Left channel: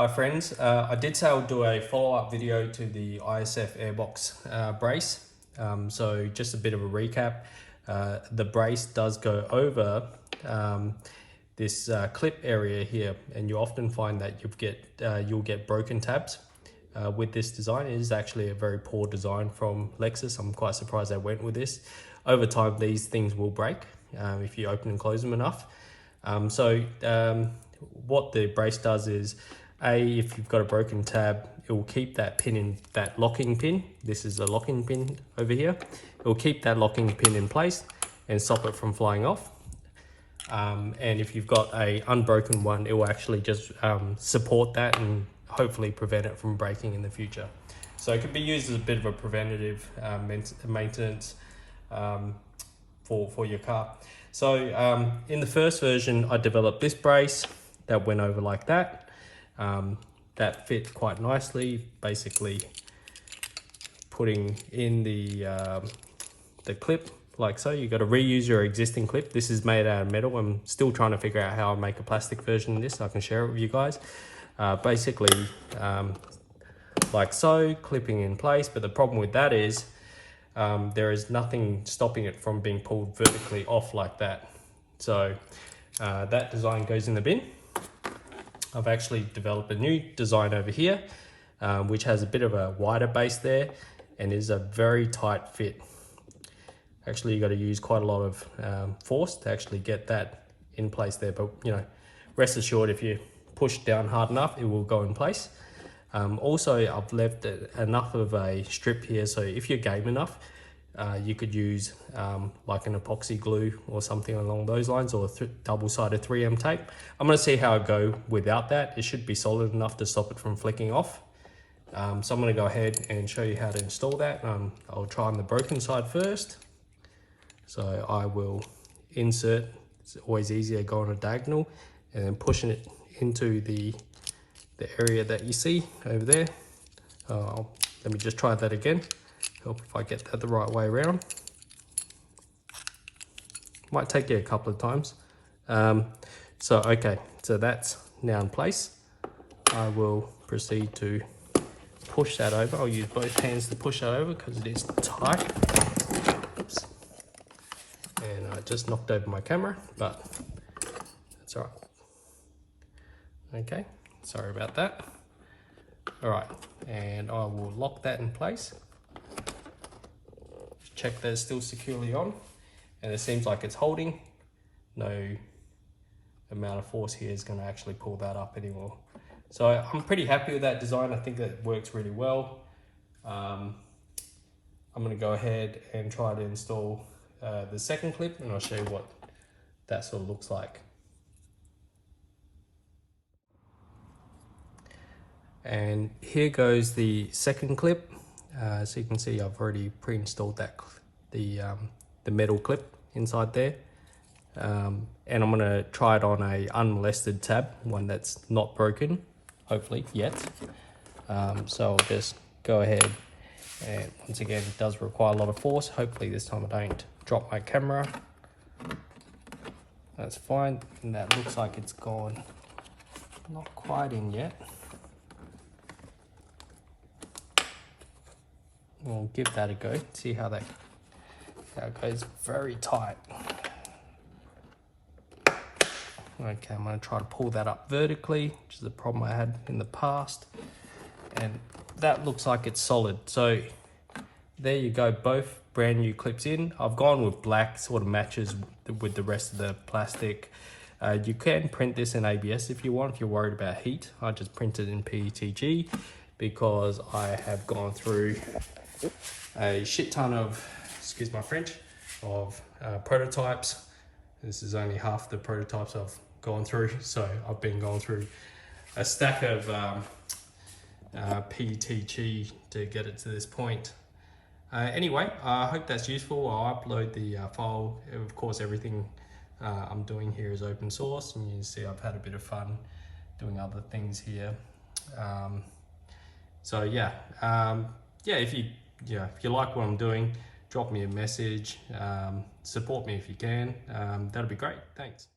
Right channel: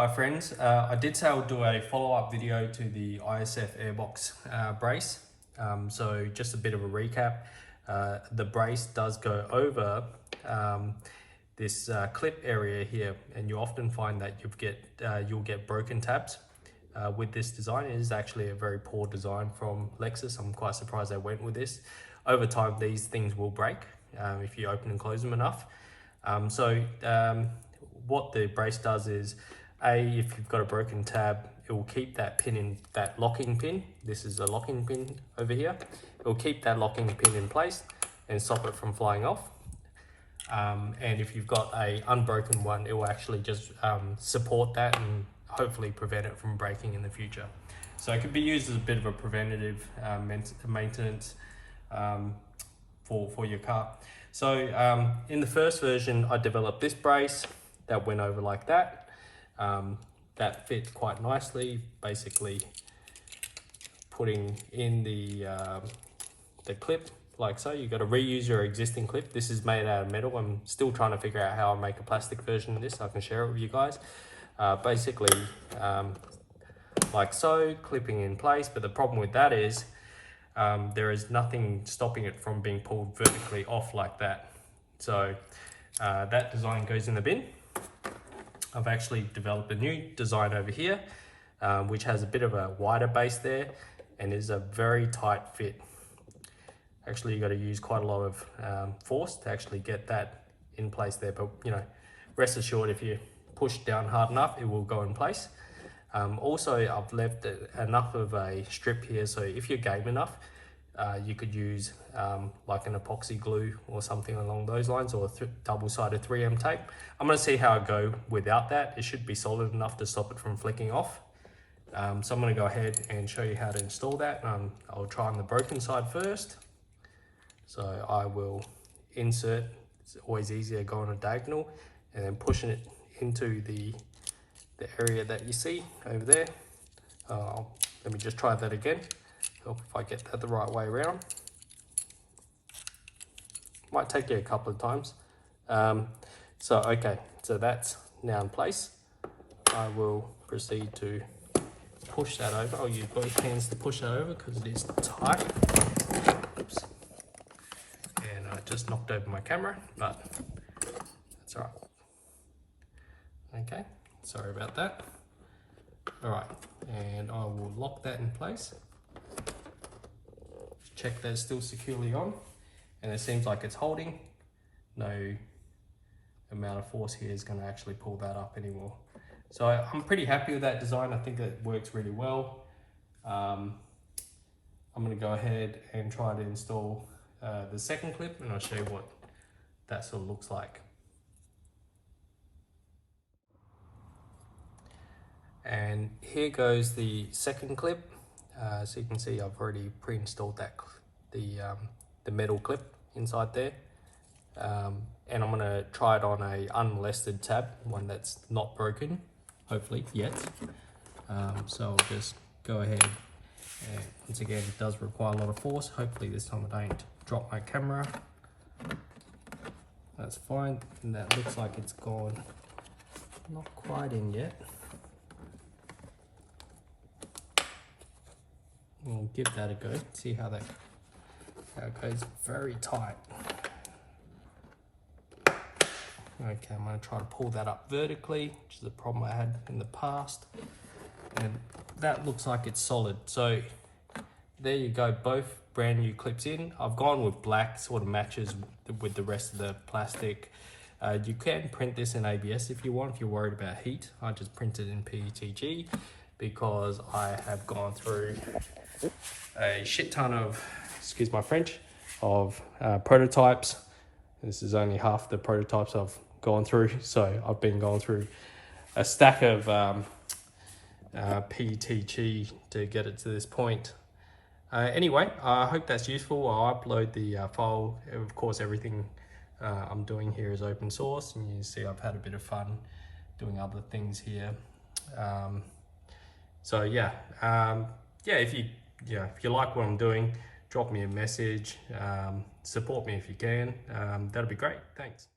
Hi friends, I did say I'll do a follow-up video to the IS-F Airbox brace. So just a bit of a recap. The brace does go over this clip area here, and you often find that you'll get broken tabs with this design. It is actually a very poor design from Lexus. I'm quite surprised they went with this. Over time, these things will break if you open and close them enough. What the brace does is, if you've got a broken tab, it will keep that pin in, that locking pin. This is the locking pin over here. It will keep that locking pin in place and stop it from flying off. And if you've got a unbroken one, it will actually just support that and hopefully prevent it from breaking in the future. So it could be used as a bit of a preventative maintenance for your car. So in the first version, I developed this brace that went over like that. That fit quite nicely, basically putting in the clip like so. You got to reuse your existing clip. This is made out of metal. I'm still trying to figure out how I make a plastic version of this so I can share it with you guys. Basically like so, clipping in place, but the problem with that is there is nothing stopping it from being pulled vertically off like that. So that design goes in the bin. I've actually developed a new design over here, which has a bit of a wider base there and is a very tight fit. Actually, you got to use quite a lot of force to actually get that in place there, but you know, rest assured, if you push down hard enough, it will go in place. Also, I've left enough of a strip here, so if you're game enough, you could use like an epoxy glue or something along those lines, or double-sided 3M tape. I'm going to see how I go without that. It should be solid enough to stop it from flicking off. So I'm going to go ahead and show you how to install that. I'll try on the broken side first. So I will insert, it's always easier going a diagonal, and then pushing it into the area that you see over there. Let me just try that again. Help if I get that the right way around. Might take you a couple of times. Okay, so that's now in place. I will proceed to push that over. I'll use both hands to push that over because it is tight. Oops. And I just knocked over my camera, but that's all right. Okay, sorry about that. All right, and I will lock that in place. Check that it's still securely on, and it seems like it's holding. No amount of force here is going to actually pull that up anymore. So I'm pretty happy with that design. I think that works really well. I'm going to go ahead and try to install the second clip, and I'll show you what that sort of looks like. And here goes the second clip. So you can see I've already pre-installed that the metal clip inside there, and I'm going to try it on a unmolested tab, one that's not broken, hopefully yet. So I'll just go ahead, and once again, it does require a lot of force. Hopefully this time I don't drop my camera. That's fine, and that looks like it's gone not quite in yet. We'll give that a go, see how it goes. Very tight. Okay, I'm going to try to pull that up vertically, which is a problem I had in the past. And that looks like it's solid. So there you go, both brand new clips in. I've gone with black, sort of matches with the rest of the plastic. You can print this in ABS if you want, if you're worried about heat. I just printed in PETG because I have gone through a shit ton of, excuse my French, of prototypes. This is only half the prototypes I've gone through, so I've been going through a stack of PETG to get it to this point. Anyway, I hope that's useful. I'll upload the file. Of course, everything I'm doing here is open source, and you can see I've had a bit of fun doing other things here. So yeah, if you like what I'm doing, drop me a message, support me if you can. That'll be great. Thanks.